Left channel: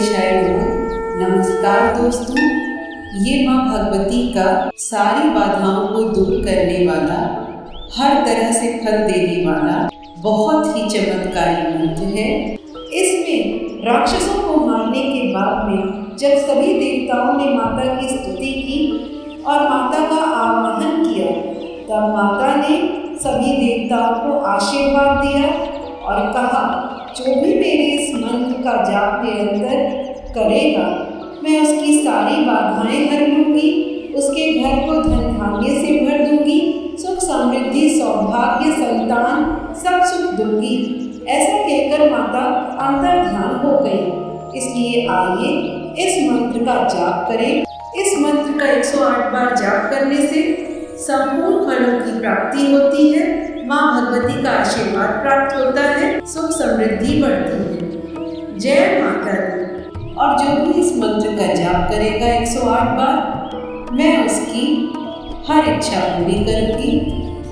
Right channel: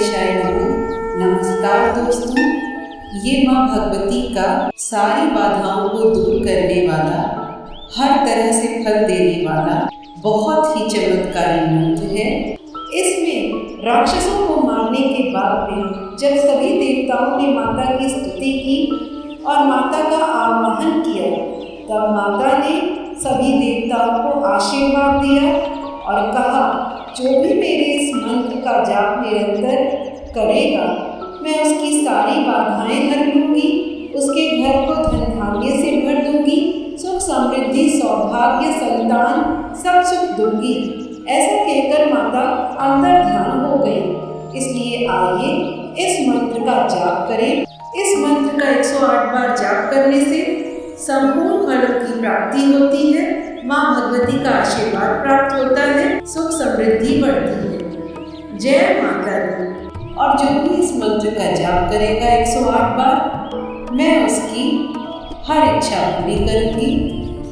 गणेशाय नमः। नमस्कार दोस्तों, ये माँ भगवती का सारी बाधाओं को दूर करने वाला, हर तरह से फल देने वाला बहुत ही चमत्कारी मंत्र है। इसमें राक्षसों को मारने के बाद में जब सभी देवताओं ने माता की स्तुति की और माता का आवाहन किया, तब माता ने सभी देवताओं को आशीर्वाद दिया और कहा, जो भी मेरे इस मंत्र का जाप निरंतर करेगा, मैं उसकी सारी बाधाएं हर लूँगी, उसके घर को धन धान्य से भर दूँगी, सुख समृद्धि सौभाग्य संतान सब सुख दूँगी। ऐसा कहकर माता अंतर्ध्यान हो गई। इसलिए आइए इस मंत्र का जाप करें। इस मंत्र का 108 बार जाप करने से संपूर्ण फलों की प्राप्ति होती है, माँ भगवती का आशीर्वाद प्राप्त होता है, सुख समृद्धि बढ़ती है। जय माता दी। और जो भी इस मंत्र का जाप करेगा 108 बार, मैं उसकी हर इच्छा पूरी करूँगी।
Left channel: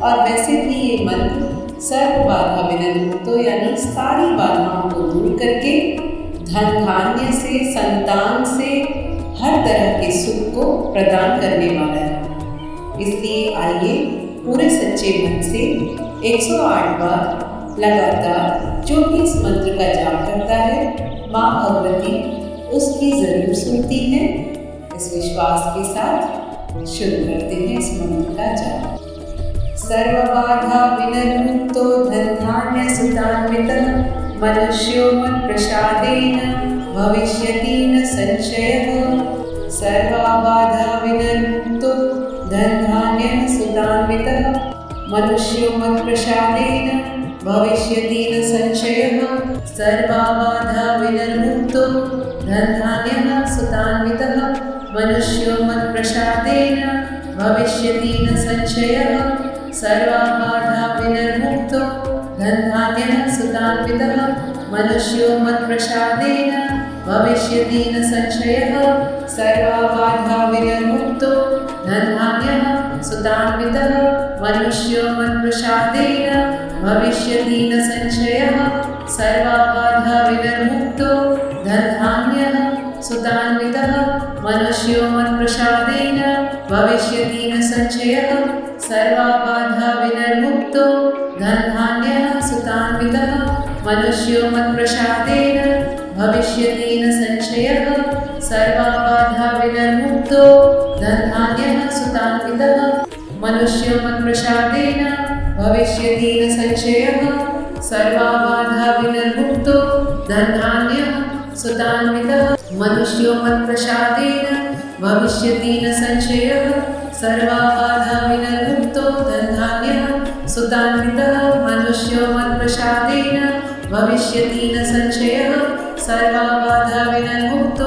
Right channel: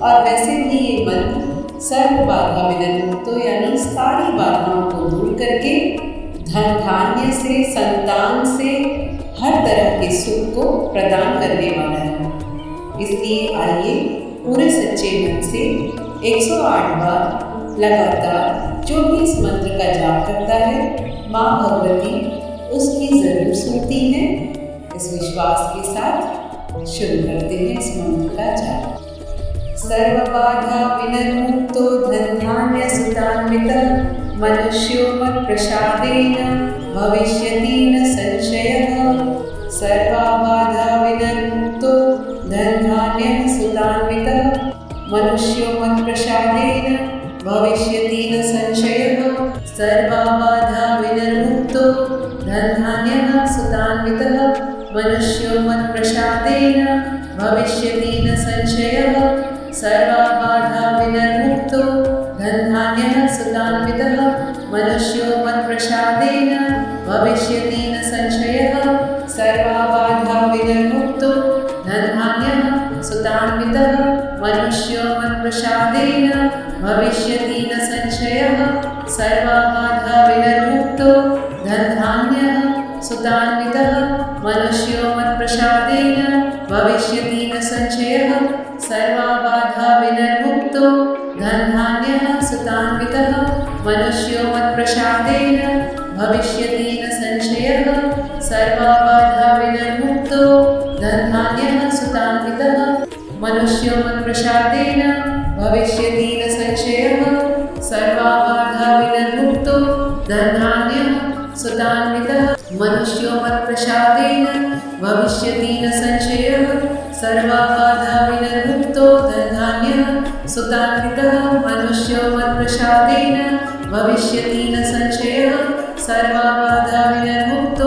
और वैसे भी ये मंत्र सर्व बाधा विनिर्मुक्तो यानी सारी बाधाओं को दूर करके धन धान्य से, संतान से, हर तरह के सुख को प्रदान करने वाला है। इसलिए आइए पूरे सच्चे मन से 108 बार लगातार जो भी इस मंत्र का जाप करता है, माँ भगवती उसकी ज़रूर सुनती है। इस विश्वास के साथ शुरू करते हैं इस मंत्र का जाप। सर्वबाधा विनिर्मुक्तो धन धान्य सुतान्वितः मनुष्यो मत्प्रसादेन भविष्यति न संशयः। सर्वबाधा विनिर्मुक्तो धन धान्य सुतान्वितः मनुष्यो मत्प्रसादेन भविष्यति न संशयः। सर्वबाधा विनिर्मुक्तो धन धान्य सुतान्वितः मनुष्यो मत्प्रसादेन भविष्यति न संशयः। सर्वबाधा विनिर्मुक्तो धन धान्य सुतान्वितः मनुष्यो मत्प्रसादेन भविष्यति न संशयः। सर्वबाधा विनिर्मुक्तो धन धान्य सुतान्वितः मनुष्यो मत्प्रसादेन भविष्यति न संशयः। सर्वबाधा विनिर्मुक्तो धन धान्य सुतान्वितः मनुष्यो मत्प्रसादेन भविष्यति न संशयः। सर्वबाधा विनिर्मुक्तो धन धान्य सुतान्वितः मनुष्यो मत्प्रसादेन भविष्यति न संशयः। सर्वबाधा विनिर्मुक्तो धन धान्य सुतान्वितः मनुष्यो मत्प्रसादेन भविष्यति न संशयः। सर्वबाधा विनिर्मुक्तो धन धान्य सुतान्वितः मनुष्यो मत्प्रसादेन भविष्यति न संशयः। सर्वबाधा विनिर्मुक्तो धन धान्य सुतान्वितः मनुष्यो मत्प्रसादेन भविष्यति न संशयः। सर्वबाधा विनिर्मुक्तो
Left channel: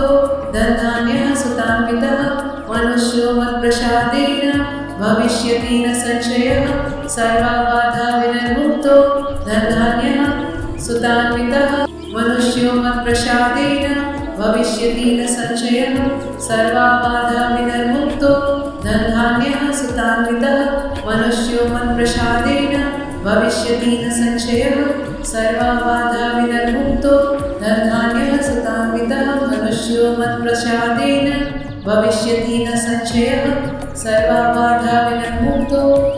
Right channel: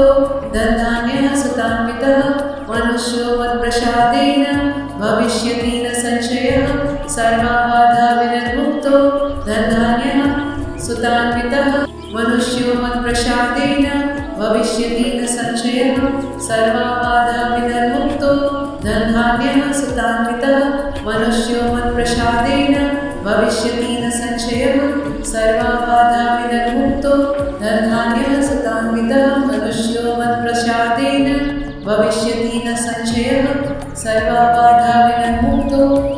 धन धान्य सुतान्वितः मनुष्यो मत्प्रसादेन भविष्यति न संशयः। सर्वबाधा विनिर्मुक्तो धन धान्य सुतान्वितः मनुष्यो मत्प्रसादेन भविष्यति न संशयः। सर्वबाधा विनिर्मुक्तो धन धान्य सुतान्वितः मनुष्यो मत्प्रसादेन भविष्यति न संशयः। सर्वबाधा विनिर्मुक्तो धन धान्य सुतान्वितः मनुष्यो मत्प्रसादेन भविष्यति न संशयः। सर्वबाधा विनिर्मुक्तो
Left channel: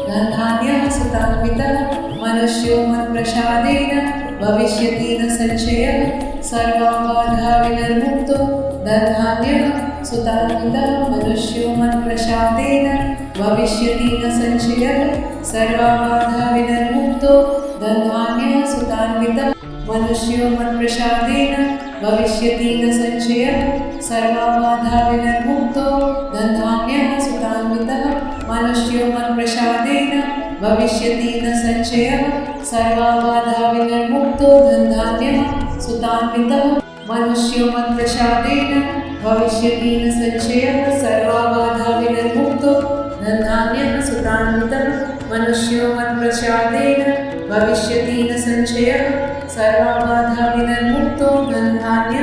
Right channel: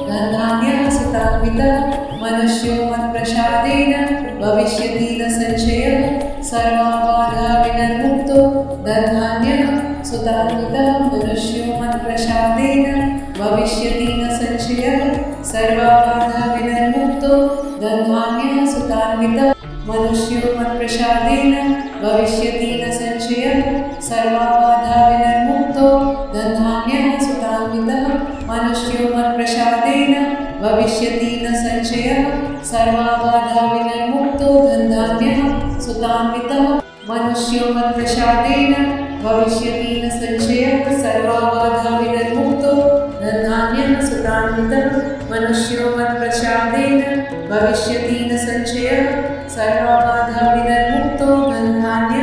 धन धान्य सुतान्वितः मनुष्यो मत्प्रसादेन भविष्यति न संशयः। सर्वबाधा विनिर्मुक्तो धन धान्य सुतान्वितः मनुष्यो मत्प्रसादेन भविष्यति न संशयः। सर्वबाधा विनिर्मुक्तो धन धान्य सुतान्वितः मनुष्यो मत्प्रसादेन भविष्यति न संशयः। सर्वबाधा विनिर्मुक्तो धन धान्य सुतान्वितः मनुष्यो मत्प्रसादेन भविष्यति न संशयः। सर्वबाधा विनिर्मुक्तो धन धान्य सुतान्वितः मनुष्यो मत्प्रसादेन भविष्यति न संशयः। सर्वबाधा विनिर्मुक्तो धन धान्य सुतान्वितः मनुष्यो मत्प्रसादेन भविष्यति न संशयः। सर्वबाधा विनिर्मुक्तो धन धान्य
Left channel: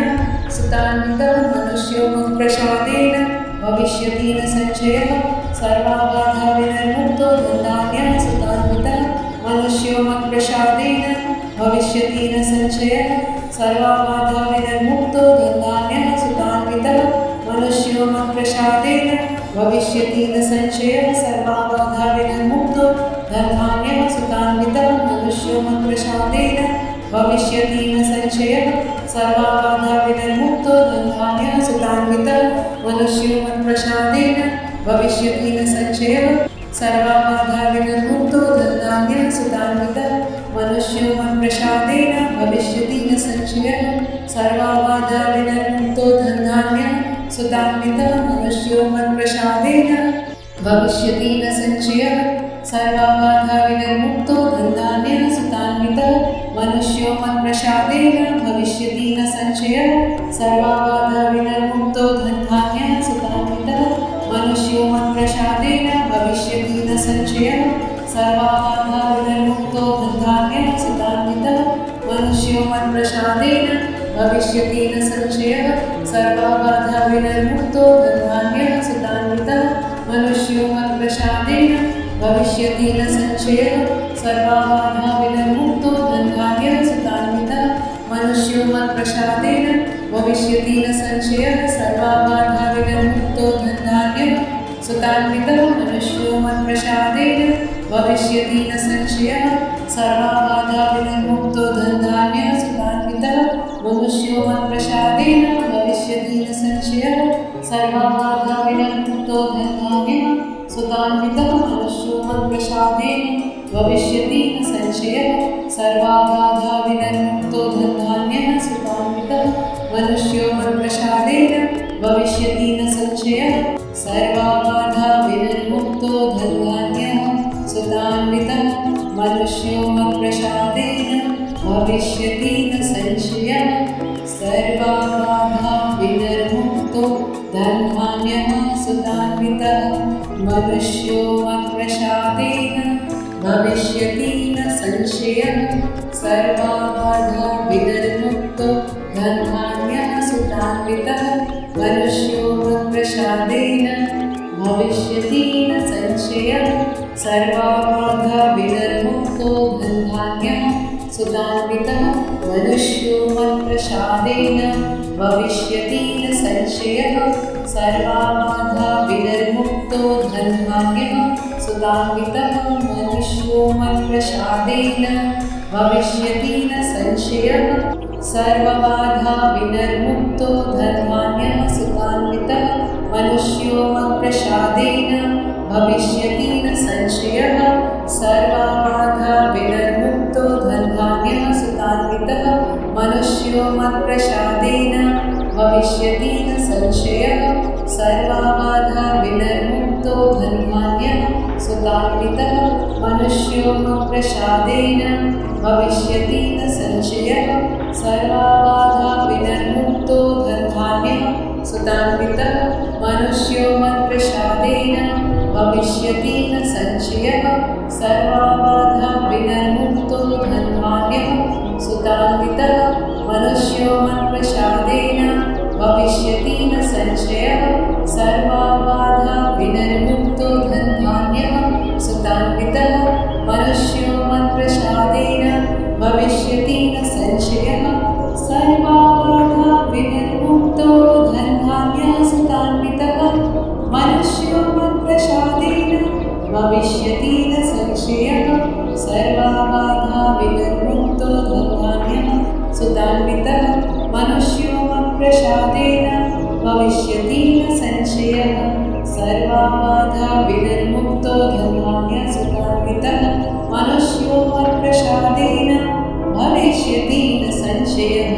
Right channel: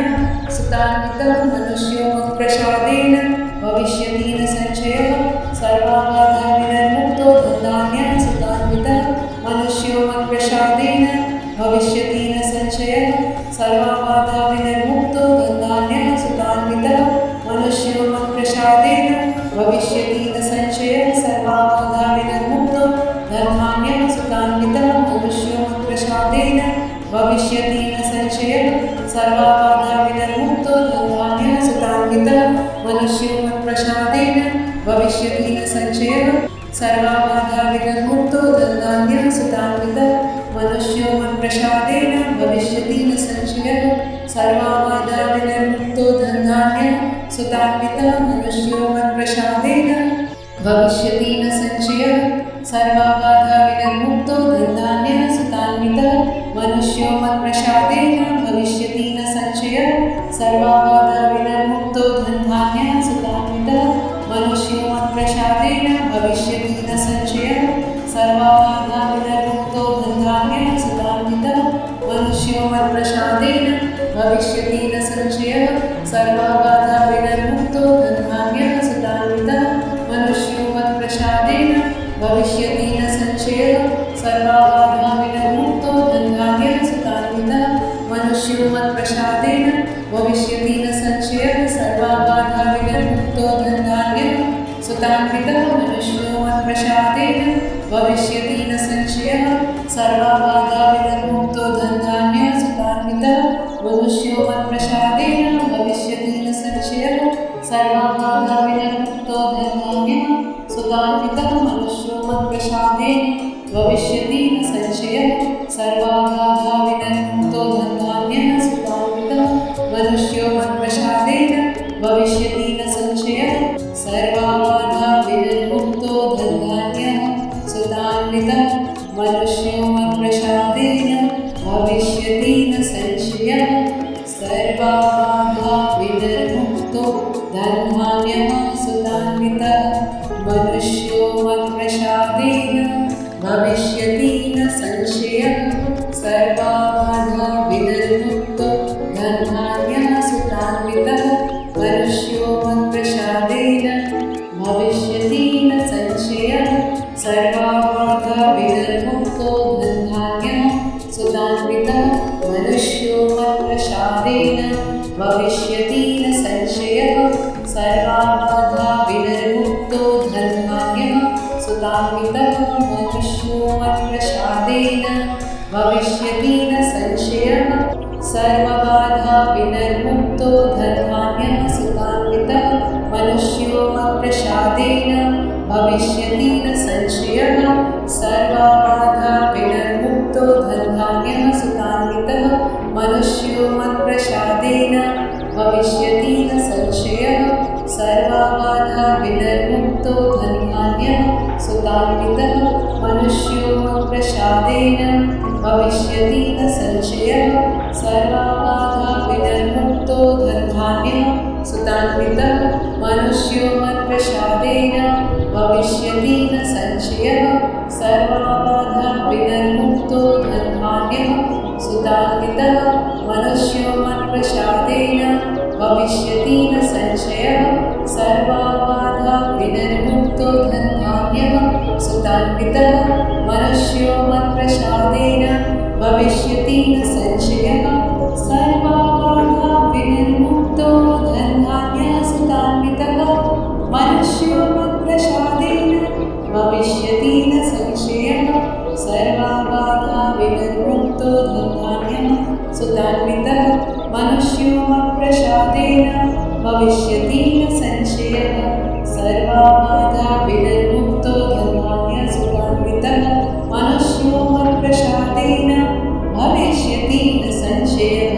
सुतान्वितः मनुष्यो मत्प्रसादेन भविष्यति न संशयः। सर्वबाधा विनिर्मुक्तो धन धान्य सुतान्वितः मनुष्यो मत्प्रसादेन भविष्यति न संशयः। सर्वबाधा विनिर्मुक्तो धन धान्य भविष्यति न संशयः सर्वाबाधा विनिर्मुक्तो धनधान्यः सुतान्वितः मनुष्यो मत्प्रसादेन भविष्यति न संशयः सर्वाबाधा विनिर्मुक्तो धनधान्यः सुतान्वितः मनुष्यो मत्प्रसादेन भविष्यति न संशयः सर्वाबाधा विनिर्मुक्तो धनधान्यः सुतान्वितः मनुष्यो मत्प्रसादेन भविष्यति न संशयः सर्वाबाधा विनिर्मुक्तो धनधान्यः सुतान्वितः मनुष्यो मत्प्रसादेन भविष्यति न संशयः सर्वाबाधा विनिर्मुक्तो धनधान्यः सुतान्वितः मनुष्यो मत्प्रसादेन भविष्यति न संशयः सर्वाबाधा विनिर्मुक्तो धनधान्यः सुतान्वितः मनुष्यो मत्प्रसादेन भविष्यति न संशयः सर्वाबाधा विनिर्मुक्तो धनधान्यः सुतान्वितः मनुष्यो मत्प्रसादेन भविष्यति न संशयः सर्वाबाधा विनिर्मुक्तो धनधान्यः सुतान्वितः मनुष्यो मत्प्रसादेन भविष्यति न संशयः सर्वाबाधा विनिर्मुक्तो धनधान्यः सुतान्वितः मनुष्यो मत्प्रसादेन भविष्यति न संशयः सर्वाबाधा विनिर्मुक्तो धनधान्यः सुतान्वितः मनुष्यो मत्प्रसादेन भविष्यति न संशयः सर्वाबाधा विनिर्मुक्तो धनधान्यः सुतान्वितः मनुष्यो मत्प्रसादेन भविष्यति न संशयः सर्वाबाधा विनिर्मुक्तो धनधान्यः सुतान्वितः मनुष्यो मत्प्रसादेन भविष्यति न संशयः सर्वाबाधा विनिर्मुक्तो धनधान्यः सुतान्वितः मनुष्यो मत्प्रसादेन भविष्यति न संशयः सर्वाबाधा विनिर्मुक्तो धनधान्यः सुतान्वितः मनुष्यो मत्प्रसादेन भविष्यति न संशयः सर्वाबाधा विनिर्मुक्तो धनधान्यः सुतान्वितः मनुष्यो मत्प्रसादेन भविष्यति न संशयः सर्वाबाधा विनिर्मुक्तो धनधान्यः सुतान्वितः मनुष्यो मत्प्रसादेन भविष्यति न संशयः सर्वाबाधा विनिर्मुक्तो धनधान्यः सुतान्वितः मनुष्यो मत्प्रसादेन भविष्यति न संशयः सर्वाबाधा विनिर्मुक्तो धनधान्यः सुतान्वितः मनुष्यो मत्प्रसादेन भविष्यति न संशयः सर्वबाधा विनिर्मुक्तो धनधान्यः सुतान्वितः मनुष्यो मत्प्रसादेन भविष्यति न संशयः सर्वबाधा विनिर्मुक्तो धनधान्यः सुतान्वितः मनुष्यो मत्प्रसादेन भविष्यति न संशयः सर्वबाधा विनिर्मुक्तो धनधान्यः सुतान्वितः मनुष्यो मत्प्रसादेन भविष्यति न संशयः सर्वबाधा विनिर्मुक्तो धनधान्यः सुतान्वितः मनुष्यो मत्प्रसादेन भविष्यति न संशयः सर्वबाधा विनिर्मुक्तो धनधान्यः सुतान्वितः मनुष्यो मत्प्रसादेन भविष्यति न संशयः सर्वबाधा विनिर्मुक्तो धनधान्यः सुतान्वितः मनुष्यो मत्प्रसादेन भविष्यति न संशयः सर्वबाधा विनिर्मुक्तो धनधान्यः सुतान्वितः मनुष्यो मत्प्रसादेन भविष्यति न संशयः सर्वबाधा विनिर्मुक्तो धनधान्यः सुतान्वितः मनुष्यो मत्प्रसादेन भविष्यति न संशयः सर्वबाधा विनिर्मुक्तो धनधान्यः सुतान्वितः मनुष्यो मत्प्रसादेन भविष्यति न संशयः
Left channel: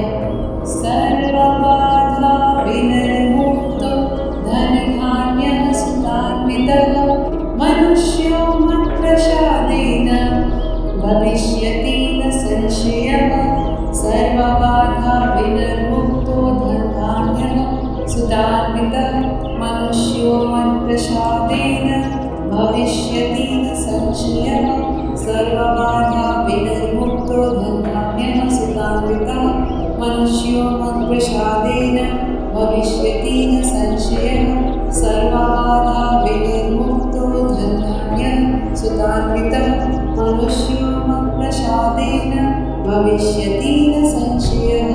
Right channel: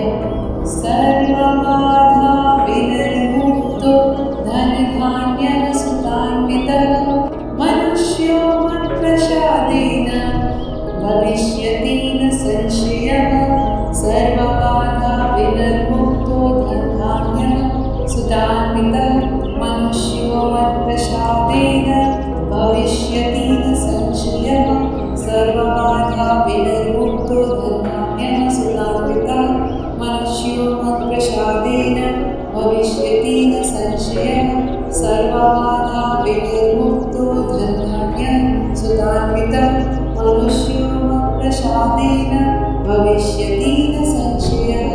सर्वबाधा विनिर्मुक्तो धनधान्यः सुतान्वितः मनुष्यो मत्प्रसादेन भविष्यति न संशयः सर्वबाधा विनिर्मुक्तो धनधान्यः सुतान्वितः मनुष्यो मत्प्रसादेन भविष्यति न संशयः सर्वबाधा विनिर्मुक्तो धनधान्यः सुतान्वितः मनुष्यो मत्प्रसादेन भविष्यति न संशयः सर्वबाधा विनिर्मुक्तो धनधान्यः सुतान्वितः मनुष्यो मत्प्रसादेन भविष्यति न संशयः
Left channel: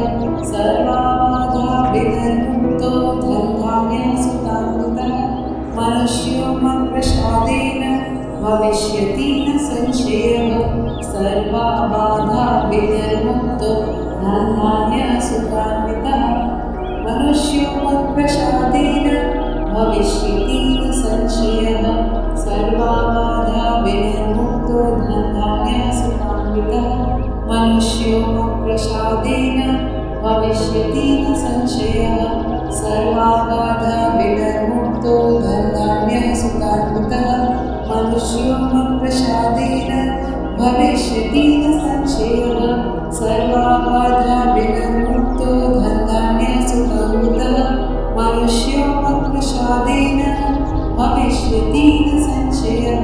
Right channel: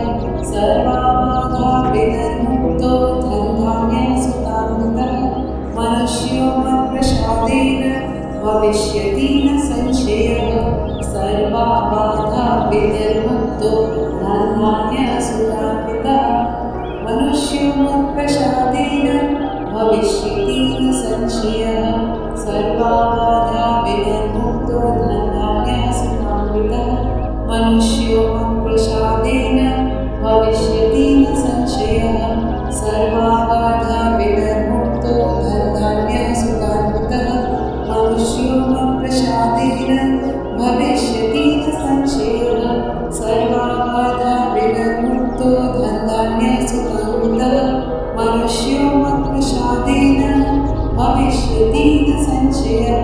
सर्वबाधा विनिर्मुक्तो धनधान्यः सुतान्वितः मनुष्यो मत्प्रसादेन भविष्यति न संशयः सर्वा बाधा विनिर्मुक्तो धनधान्यसुखान्वितः मनुष्यो मत्प्रसादेन भविष्यति न संशयः सर्वा बाधा विनिर्मुक्तो धनधान्यसुखान्वितः मनुष्यो मत्प्रसादेन भविष्यति न संशयः सर्वा बाधा विनिर्मुक्तो धनधान्यसुखान्वितः मनुष्यो मत्प्रसादेन भविष्यति न संशयः सर्वा बाधा विनिर्मुक्तो धनधान्यसुखान्वितः मनुष्यो मत्प्रसादेन भविष्यति न संशयः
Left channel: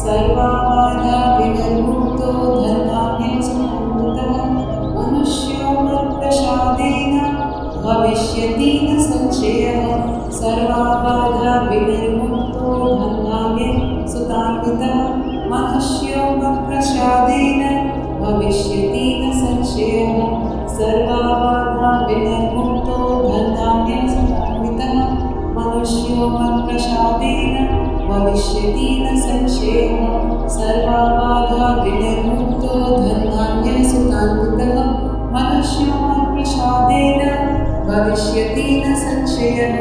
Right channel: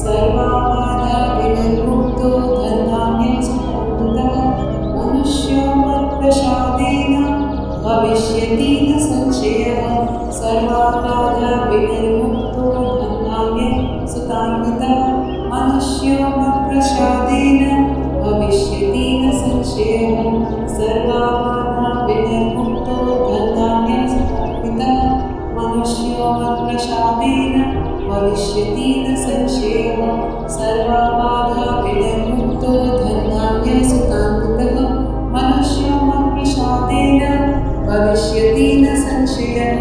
सर्वा बाधा विनिर्मुक्तो धनधान्यसुखान्वितः मनुष्यो मत्प्रसादेन भविष्यति न संशयः सर्वा बाधा विनिर्मुक्तो धनधान्यसुखान्वितः मनुष्यो मत्प्रसादेन भविष्यति न संशयः सर्वा बाधा विनिर्मुक्तो धनधान्यसुखान्वितः मनुष्यो मत्प्रसादेन भविष्यति न संशयः सर्वा बाधा विनिर्मुक्तो धनधान्यसुखान्वितः मनुष्यो मत्प्रसादेन भविष्यति न संशयः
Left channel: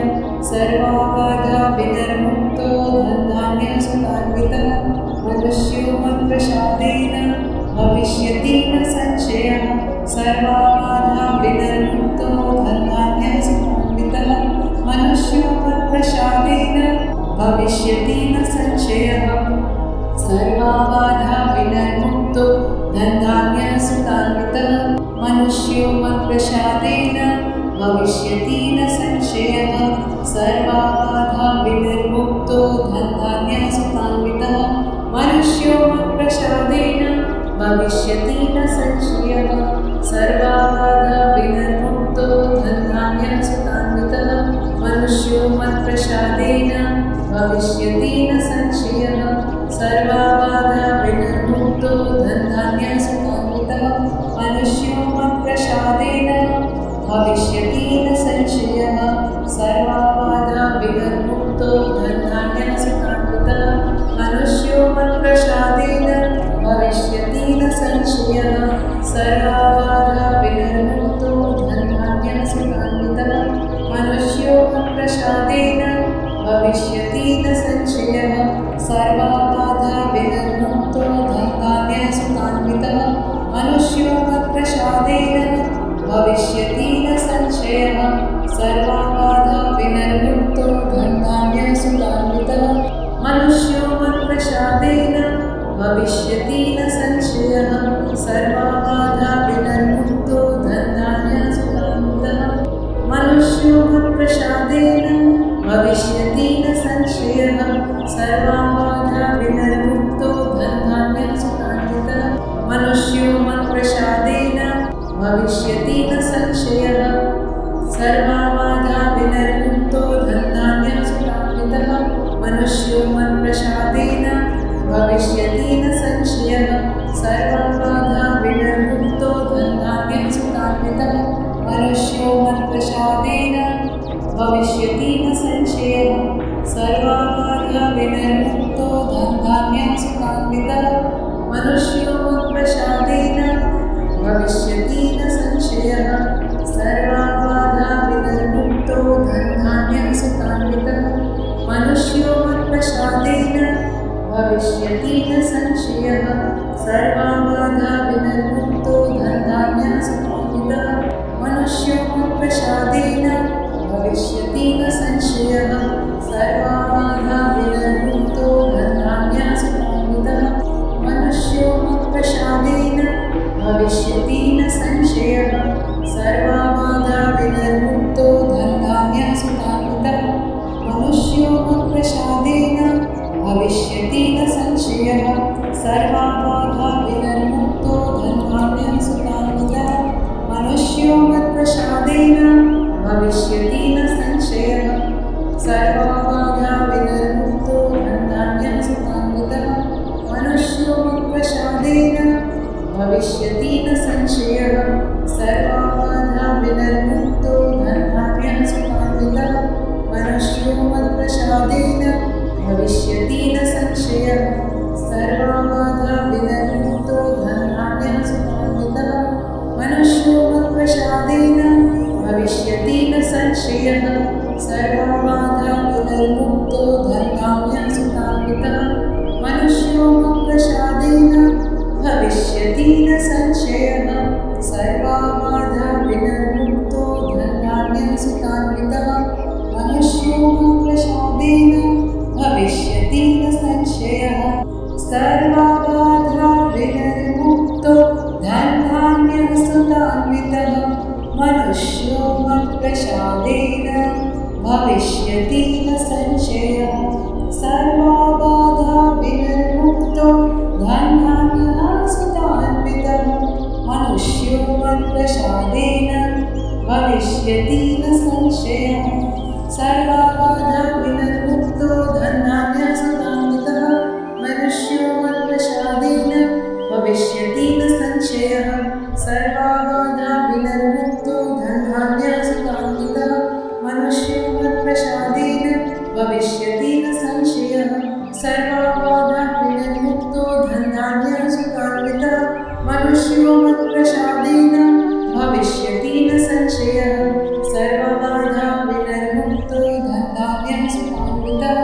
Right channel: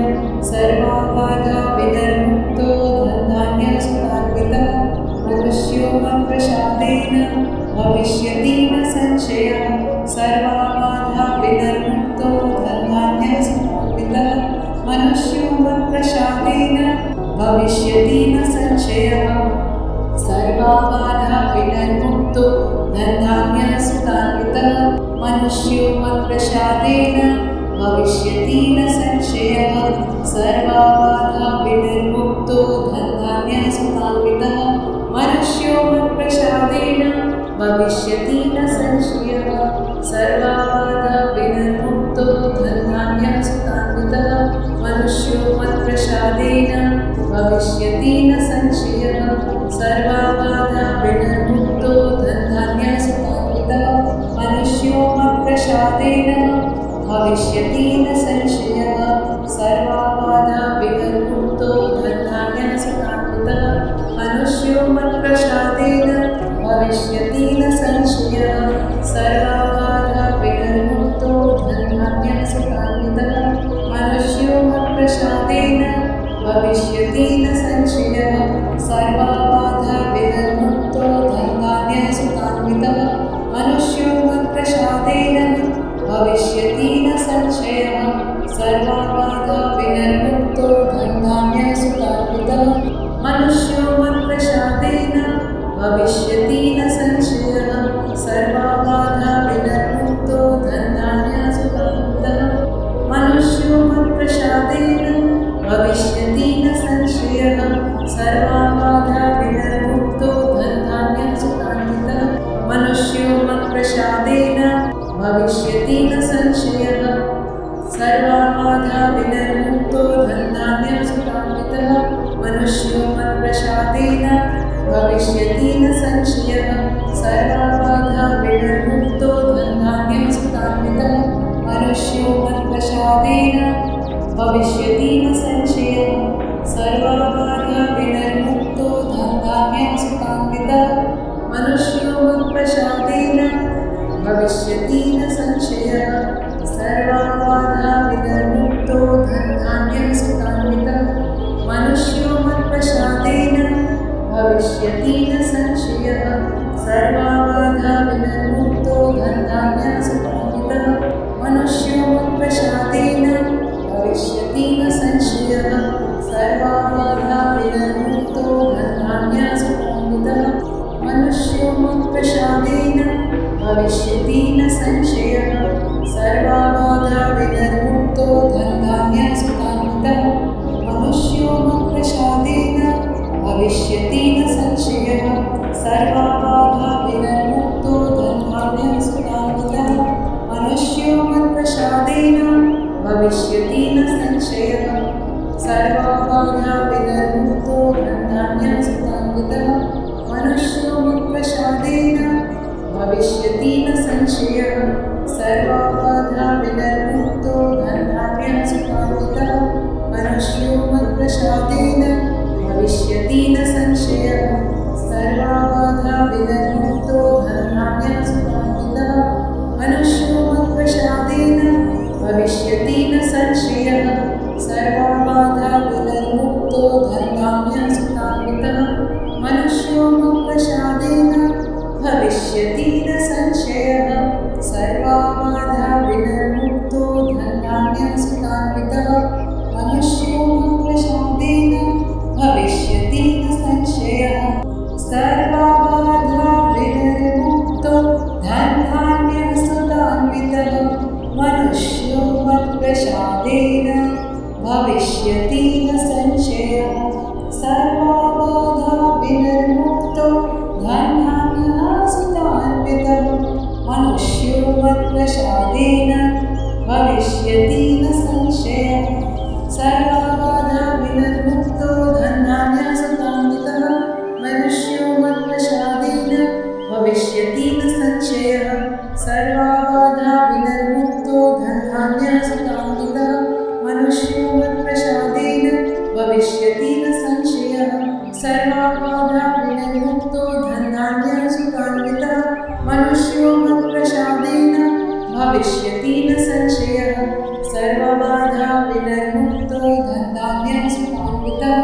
सर्वा बाधा विनिर्मुक्तो धनधान्यसुखान्वितः मनुष्यो मत्प्रसादेन भविष्यति न संशयः सर्वा बाधा विनिर्मुक्तो धनधान्यसुखान्वितः मनुष्यो मत्प्रसादेन भविष्यति न संशयः सर्वा बाधा विनिर्मुक्तो धनधान्यसुखान्वितः मनुष्यो मत्प्रसादेन भविष्यति न संशयः सर्वा बाधा विनिर्मुक्तो धनधान्यसुखान्वितः मनुष्यो मत्प्रसादेन भविष्यति न संशयः सर्वा बाधा विनिर्मुक्तो धनधान्यसुखान्वितः मनुष्यो मत्प्रसादेन भविष्यति न संशयः सर्वा बाधा विनिर्मुक्तो धनधान्यसुखान्वितः मनुष्यो मत्प्रसादेन भविष्यति न संशयः सर्वा बाधा विनिर्मुक्तो धनधान्यसुखान्वितः मनुष्यो मत्प्रसादेन भविष्यति न संशयः सर्वा बाधा विनिर्मुक्तो धनधान्यसुखान्वितः मनुष्यो मत्प्रसादेन भविष्यति न संशयः सर्वा बाधा विनिर्मुक्तो धनधान्यसुखान्वितः मनुष्यो मत्प्रसादेन भविष्यति न संशयः सर्वा बाधा विनिर्मुक्तो धनधान्यसुखान्वितः मनुष्यो मत्प्रसादेन भविष्यति न संशयः सर्वा बाधा विनिर्मुक्तो धनधान्यसुखान्वितः मनुष्यो मत्प्रसादेन भविष्यति न संशयः सर्वा बाधा विनिर्मुक्तो धनधान्यसुखान्वितः मनुष्यो मत्प्रसादेन भविष्यति न संशयः सर्वा बाधा विनिर्मुक्तो धनधान्यसुखान्वितः मनुष्यो मत्प्रसादेन भविष्यति न संशयः सर्वा बाधा विनिर्मुक्तो धनधान्यसुखान्वितः मनुष्यो मत्प्रसादेन भविष्यति न संशयः सर्वा बाधा विनिर्मुक्तो धनधान्यसुखान्वितः मनुष्यो मत्प्रसादेन भविष्यति न संशयः सर्वा बाधा विनिर्मुक्तो धनधान्यसुखान्वितः मनुष्यो मत्प्रसादेन भविष्यति न संशयः सर्वा बाधा विनिर्मुक्तो धनधान्यसुखान्वितः मनुष्यो मत्प्रसादेन भविष्यति न संशयः सर्वा बाधा विनिर्मुक्तो धनधान्यसुखान्वितः मनुष्यो मत्प्रसादेन भविष्यति न संशयः सर्वा बाधा विनिर्मुक्तो धनधान्यसुखान्वितः मनुष्यो मत्प्रसादेन भविष्यति न संशयः सर्वा बाधा विनिर्मुक्तो धनधान्यसुखान्वितः मनुष्यो मत्प्रसादेन भविष्यति न संशयः सर्वा बाधा विनिर्मुक्तो धनधान्यसुखान्वितः मनुष्यो मत्प्रसादेन भविष्यति न संशयः सर्वा बाधा विनिर्मुक्तो धनधान्यसुखान्वितः मनुष्यो मत्प्रसादेन भविष्यति न संशयः सर्वबाधा विनिर्मुक्तो धनधान्यसुतान्वितः मनुष्यो मत्प्रसादेन भविष्यति न संशयः सर्वबाधा विनिर्मुक्तो धनधान्यसुतान्वितः मनुष्यो मत्प्रसादेन भविष्यति न संशयः सर्वबाधा विनिर्मुक्तो धनधान्यसुतान्वितः मनुष्यो मत्प्रसादेन भविष्यति न संशयः सर्वबाधा विनिर्मुक्तो धनधान्यसुतान्वितः मनुष्यो मत्प्रसादेन भविष्यति न संशयः सर्वबाधा विनिर्मुक्तो धनधान्यसुतान्वितः मनुष्यो मत्प्रसादेन भविष्यति न संशयः सर्वबाधा विनिर्मुक्तो धनधान्यसुतान्वितः मनुष्यो मत्प्रसादेन भविष्यति न संशयः सर्वबाधा विनिर्मुक्तो धनधान्यसुतान्वितः मनुष्यो मत्प्रसादेन भविष्यति न संशयः सर्वबाधा विनिर्मुक्तो धनधान्यसुतान्वितः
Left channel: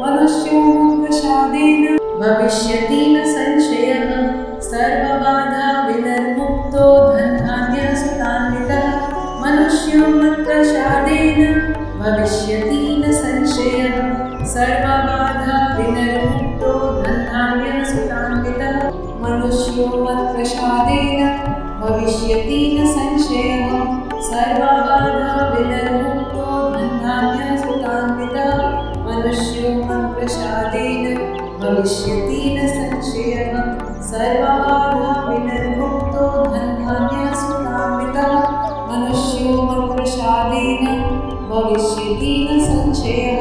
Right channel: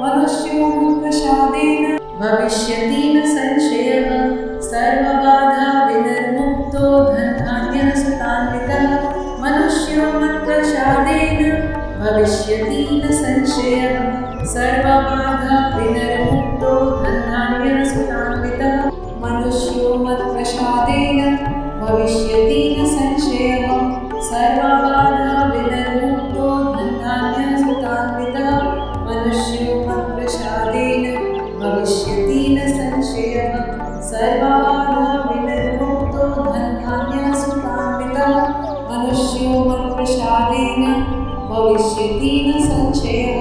मनुष्यो मत्प्रसादेन भविष्यति न संशयः सर्वबाधा विनिर्मुक्तो धनधान्यसुतान्वितः मनुष्यो मत्प्रसादेन भविष्यति न संशयः सर्वबाधा विनिर्मुक्तो धनधान्यसुतान्वितः मनुष्यो मत्प्रसादेन भविष्यति न संशयः सर्वबाधा विनिर्मुक्तो धनधान्यसुतान्वितः मनुष्यो मत्प्रसादेन भविष्यति न संशयः सर्वबाधा विनिर्मुक्तो धनधान्यसुतान्वितः मनुष्यो मत्प्रसादेन भविष्यति न संशयः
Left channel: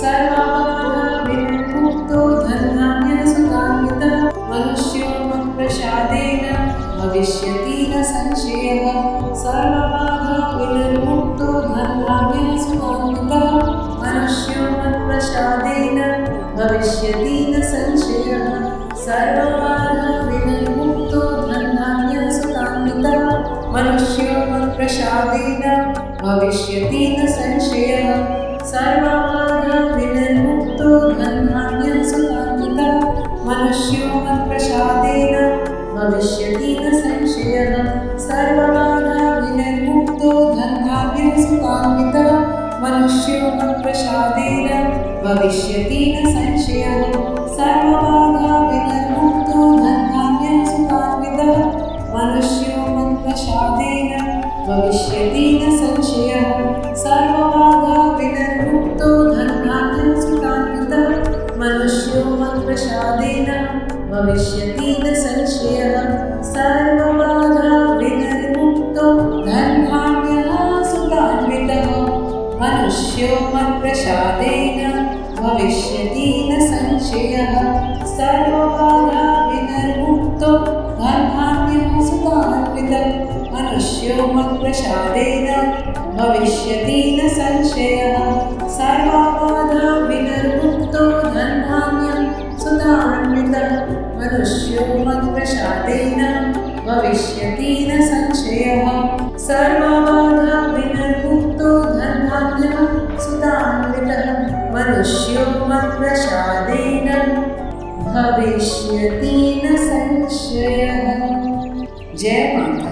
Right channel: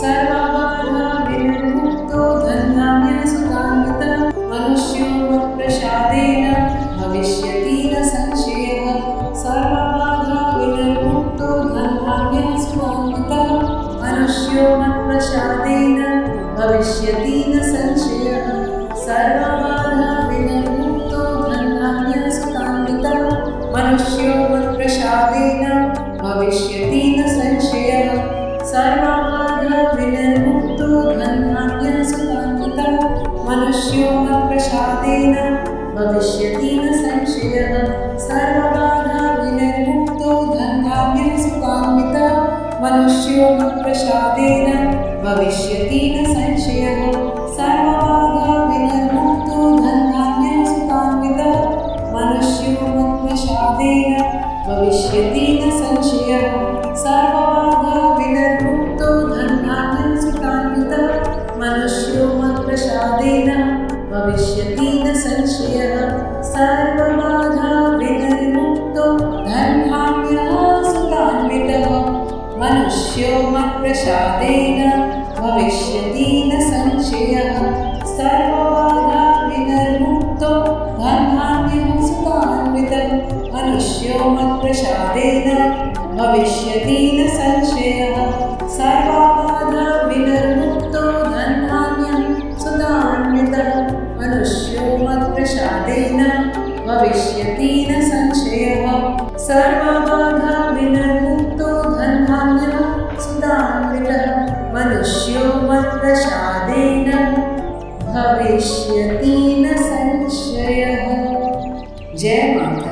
सर्वबाधा विनिर्मुक्तो धनधान्यसुतान्वितः मनुष्यो मत्प्रसादेन भविष्यति न संशयः सर्वबाधा विनिर्मुक्तो धनधान्यसुतान्वितः मनुष्यो मत्प्रसादेन भविष्यति न संशयः सर्वबाधा विनिर्मुक्तो धनधान्यसुतान्वितः मनुष्यो मत्प्रसादेन भविष्यति न संशयः सर्वबाधा विनिर्मुक्तो धनधान्यसुतान्वितः मनुष्यो मत्प्रसादेन भविष्यति न संशयः सर्वबाधा विनिर्मुक्तो धनधान्यसुतान्वितः मनुष्यो मत्प्रसादेन भविष्यति न संशयः सर्वबाधा विनिर्मुक्तो धनधान्यसुतान्वितः मनुष्यो मत्प्रसादेन भविष्यति न संशयः सर्वबाधा विनिर्मुक्तो धनधान्यसुतान्वितः मनुष्यो मत्प्रसादेन भविष्यति न संशयः सर्वबाधा विनिर्मुक्तो धनधान्यसुतान्वितः मनुष्यो मत्प्रसादेन भविष्यति न संशयः सर्वबाधा विनिर्मुक्तो धनधान्यसुतान्वितः मनुष्यो मत्प्रसादेन भविष्यति न संशयः सर्वबाधा विनिर्मुक्तो धनधान्यसुतान्वितः मनुष्यो मत्प्रसादेन भविष्यति न संशयः सर्वबाधा विनिर्मुक्तो धनधान्यसुतान्वितः मनुष्यो मत्प्रसादेन भविष्यति न संशयः। जय माता।